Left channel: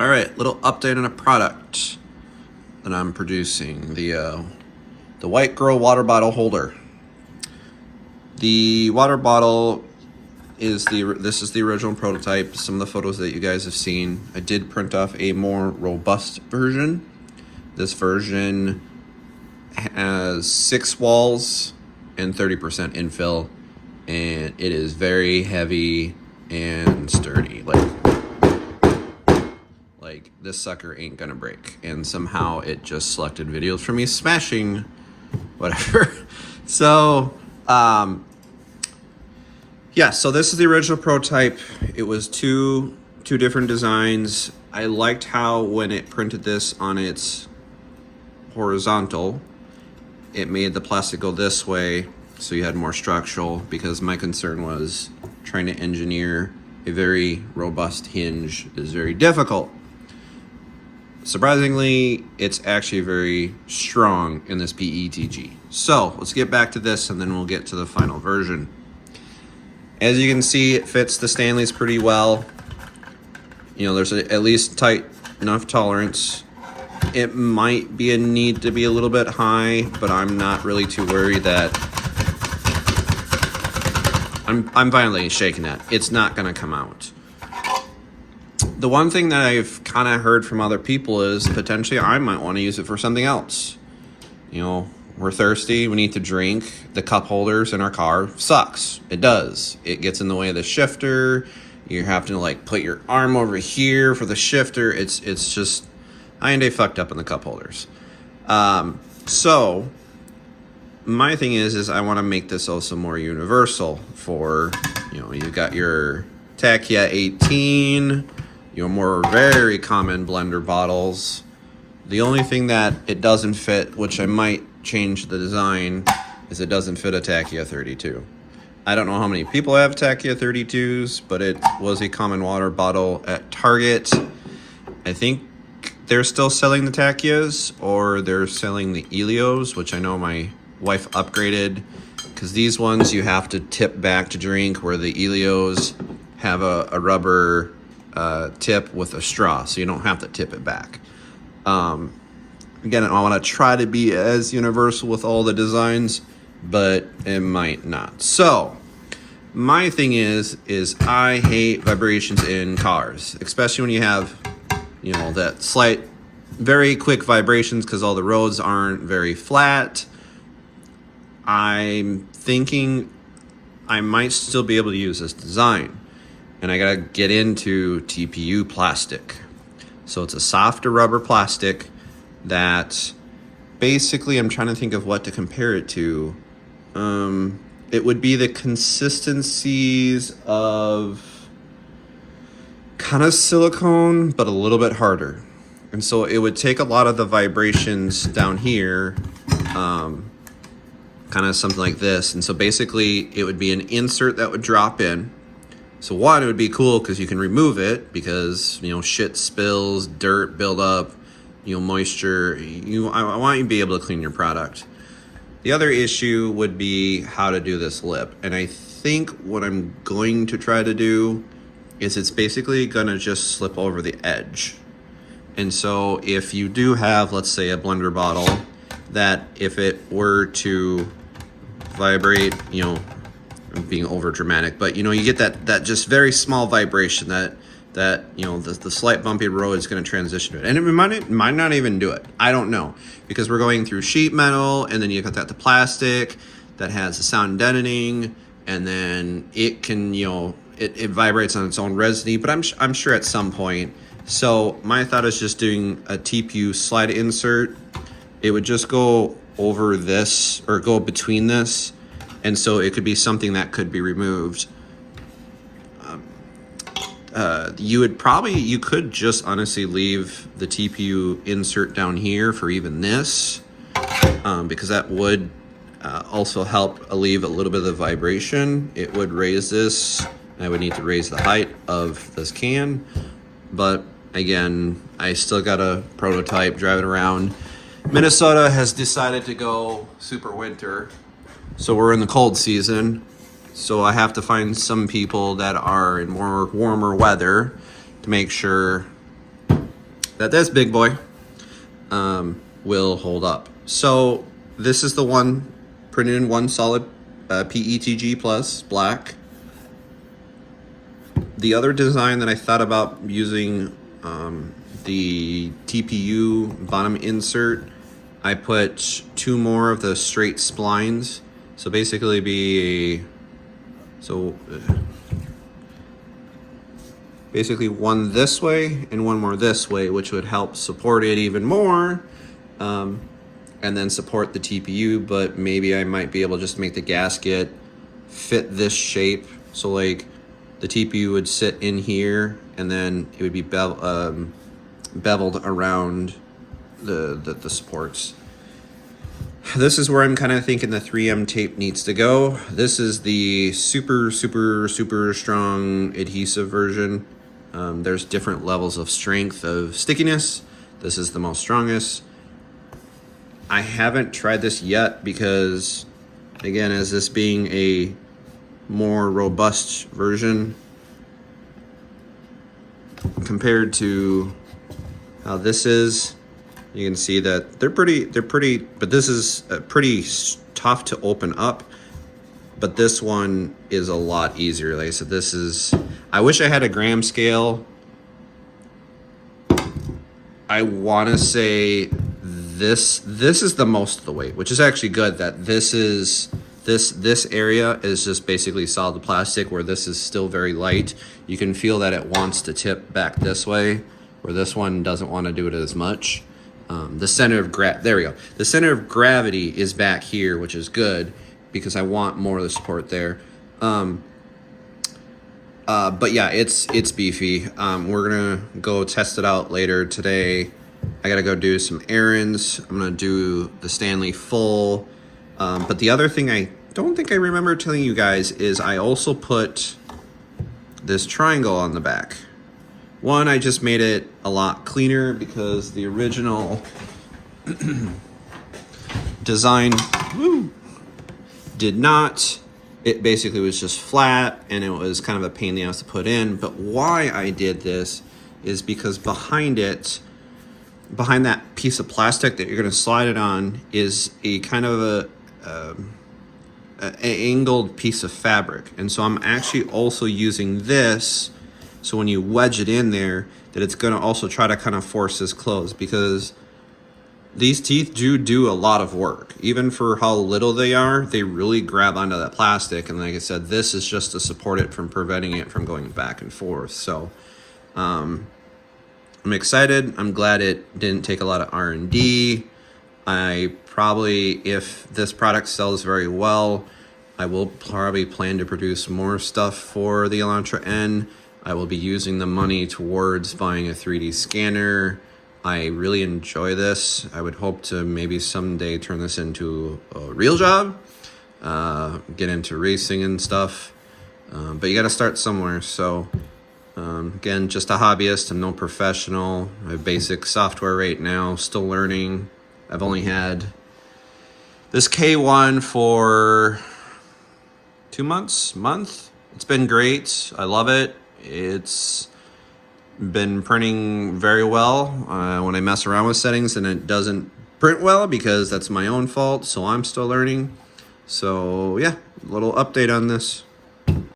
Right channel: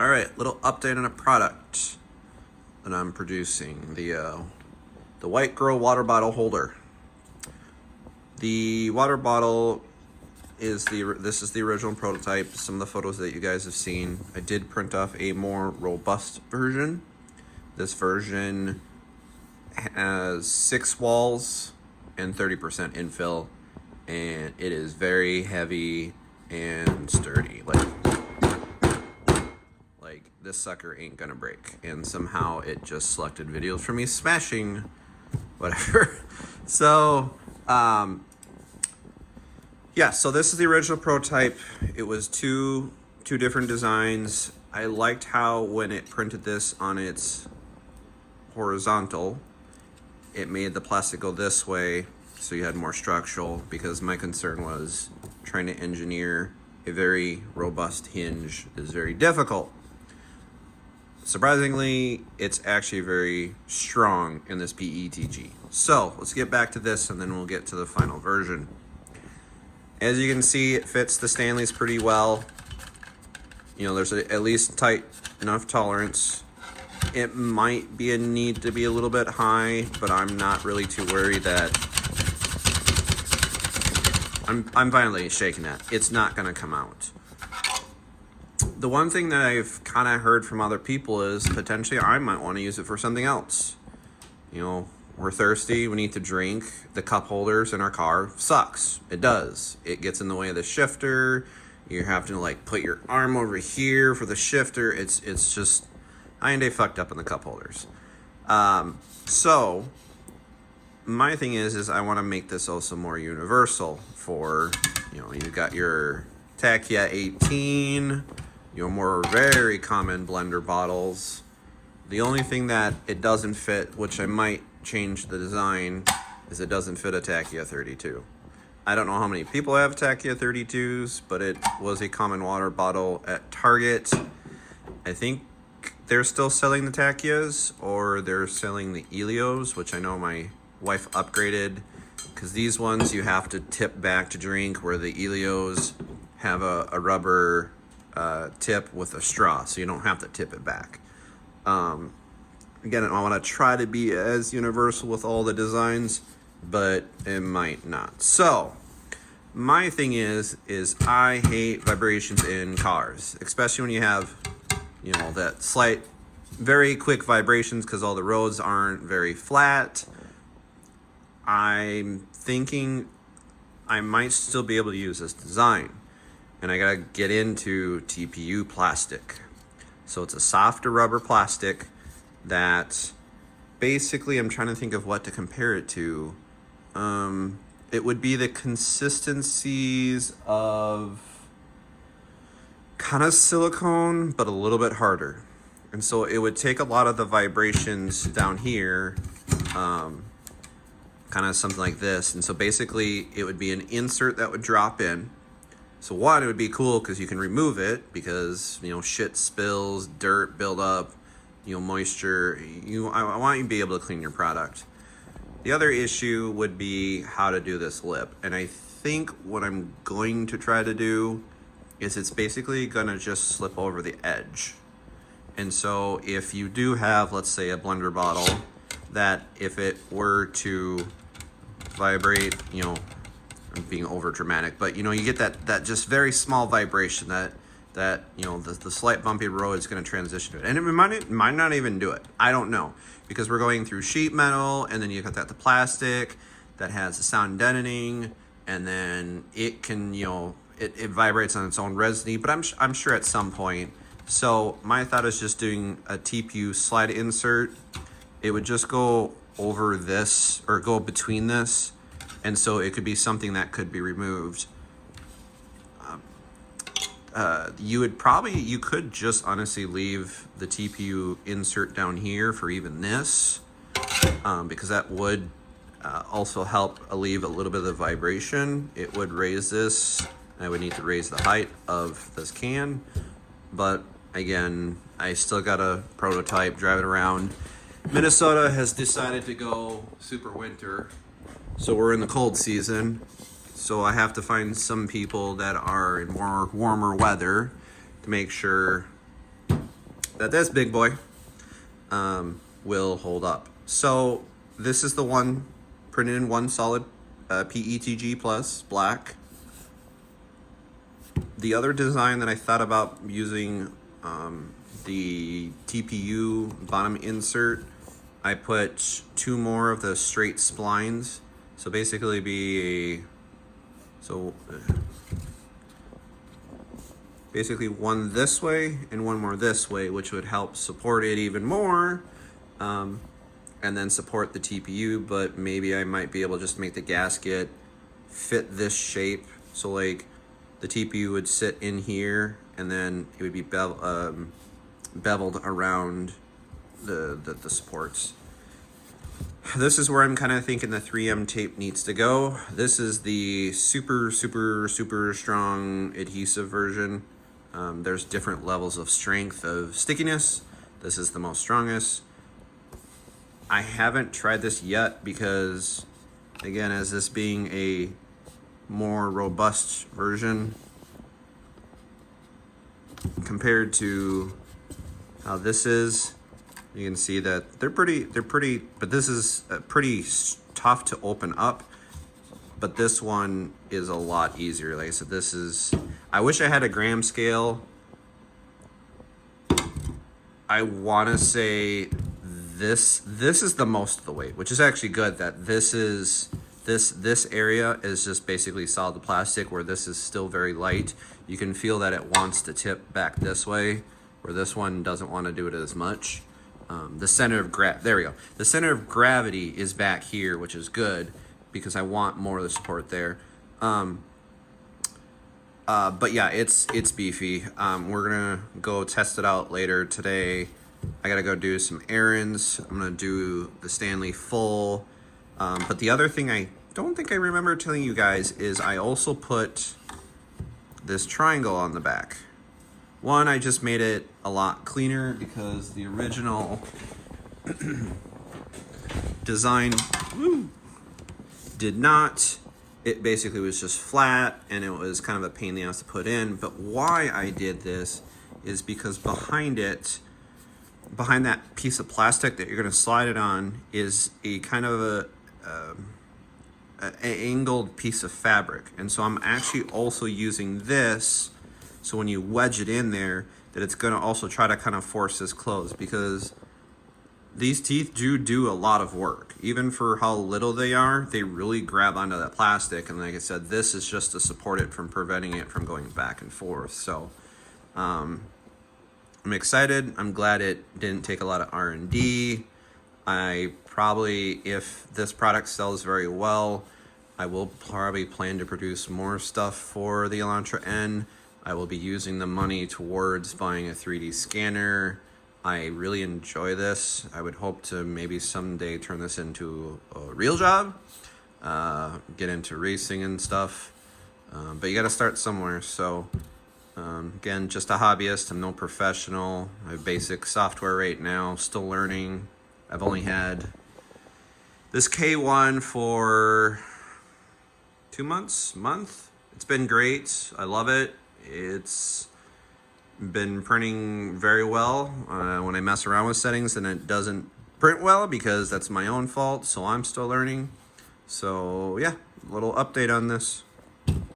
All right, little update on a product that I'm producing, the White Girl water bottle holder. The water bottle is this is the original prototype. Some of the photos that you guys have seen. I did print off a more robust version. This version has 6 walls and 30% infill, and it is very heavy and sturdy. Like this sucker ain't gonna break. And somehow it just selected videos for me smashing whatever. So yeah, so this is the original prototype. It was two different designs. I liked how when it printed this on its horizontal, it made the plastic go this way, so you had more structural, because my concern was trying to engineer a very robust hinge is very difficult. Surprisingly, it's actually very strong in this PETG. So let's get back to this and then we'll get to the final version. As you can see, it fits the Stanleys pretty well. You know, there's at least tight enough tolerance. It might be a need to be a little bit high, but I'm not really too worried that I'm violently shaking that. It's not gonna come out. The one thing that I've kind of heard from other people is potentially I might want to use it for something else. You know, we're thirsty, we need to drink. The cup holders in our car sucks. It does. It gets in the way of the shifter. You have to like put your arm over here for the shifter. It's just, I ain't fucked up in the cup holders. So my thing is I want to make this also more universal for, you know, you've got your Tachia 18, your more very common blender bottles. The only thing that it doesn't fit, which I might change the design, is it doesn't fit a Tachia 32. I don't know how many people have Tachia 32s, but it was a common water bottle at Target. I think they're still selling the Tachias, or they're selling the Elios, which I know my wife upgraded, because these ones you have to tip back to drink, where the Elios have a rubber tip with a straw, so you don't have to tip it back. Again, I want to try to be as universal with all the designs, but it might not. So my thing is I hate vibrations in cars, especially when you have, you know, that slight, very quick vibrations because all the roads aren't very flat. I'm thinking I might still be able to use this design, and I gotta get into TPU plastic. So it's a softer rubber plastic that basically, I'm trying to think of what to compare it to. It would be the consistencies of kind of silicone, but a little bit harder. And so it would take a lot of the vibrations down here, kind of something like this. And so basically it would be an insert that would drop in. So one, it would be cool because you can remove it, because, you know, shit spills, dirt build up, you know, moisture. I want you to be able to clean your product. The other issue would be how to do this lip. And I think what I'm going to try to do is it's basically gonna just slip over the edge. And so if you do have, let's say, a blender bottle, that if it were to vibrate, you know, I'm being over dramatic, but you know, you get that just very small vibration that you know, the slight bumpy road is going to transition to it, and it might not even do it. I don't know, because we're going through sheet metal, and then you got the plastic that has the sound deadening, and then it can, you know, it vibrates on its own resiny. But I'm sure at some point. So my thought is just doing a TPU slide insert. It would just go over this, or go between this, and so it could be something that could be removed. You could just honestly leave the TPU insert down here for even this, because that would also help alleviate a little bit of the vibration. It would raise this. I would need to raise the height of this can, but again, I still got a prototype driving around. Minnesota has decided to go super winter, so we're in the cold season. So I have to find some people that are in more warmer weather to make sure that this big boy will hold up. So this is the one printed in one solid PETG plus black. The other design that I thought about using, the TPU bottom insert, I put 2 more of the straight splines. So basically basically one this way and one more this way, which would help support it even more, and then support the TPU. But maybe I might be able to just make the gasket fit this shape. So like the TPU would sit in here, and then it would be beveled around the supports. This is where I'm kind of thinking the 3M tape needs to go. This is the super strong adhesive version. There's different levels of strength of stickiness. This is the most strongest. I haven't tried this yet because, again, as this being a more robust version compared to how this is, you can see that they're pretty, but this is pretty tough to open up. But this one is a lot easier. Like I said, this is, I wish I had a gram scale. I want to say this is the most of the weight, which is actually good that this area is just basically solid plastic, where this is still very light. You can feel that it wants to tip back this way, where this one doesn't want to do it as much. The center of there we go. The center of gravity is back here, which is good because I want more of the support there. But yeah, it's beefy. We're gonna go test it out later today. I gotta go do some errands. I'm gonna do the Stanley full. But the other thing I don't think I remember telling you guys is I also put this triangle on the back. One, I just made it a lot cleaner because the original design did not. It basically was just flat, and it was kind of a pain in the ass to put in. But why I did this is because behind it, behind that piece of plastic that you're going to slide it on, is a kind of an angled piece of fabric. And so I'm actually also using this, so when you wedge it in there, that it's going to also try to kind of force this closed, because these teeth do a lot of work. Even for how little they are, they really grab onto that plastic. And like I said, this is just to support it from preventing it from going back and forth. So I'm excited. I'm glad it didn't take a lot of R&D. I probably, if this product sells very well, I will probably plan to produce more stuff for the Elantra N. I will be using the money towards buying a 3D scanner. I really enjoy this. I would hope to maybe someday turn this into a real job, get into racing and stuff. But you got to start somewhere. So again, just a hobbyist. I'm no professional. I have basic software right now, still learning. I've only had this K1 for 2 months, month. It's been great. I love it. It's been printing very well. When I mess around with settings and it doesn't print well, because that's my own fault, so I'm still learning. So yeah, a little update on this.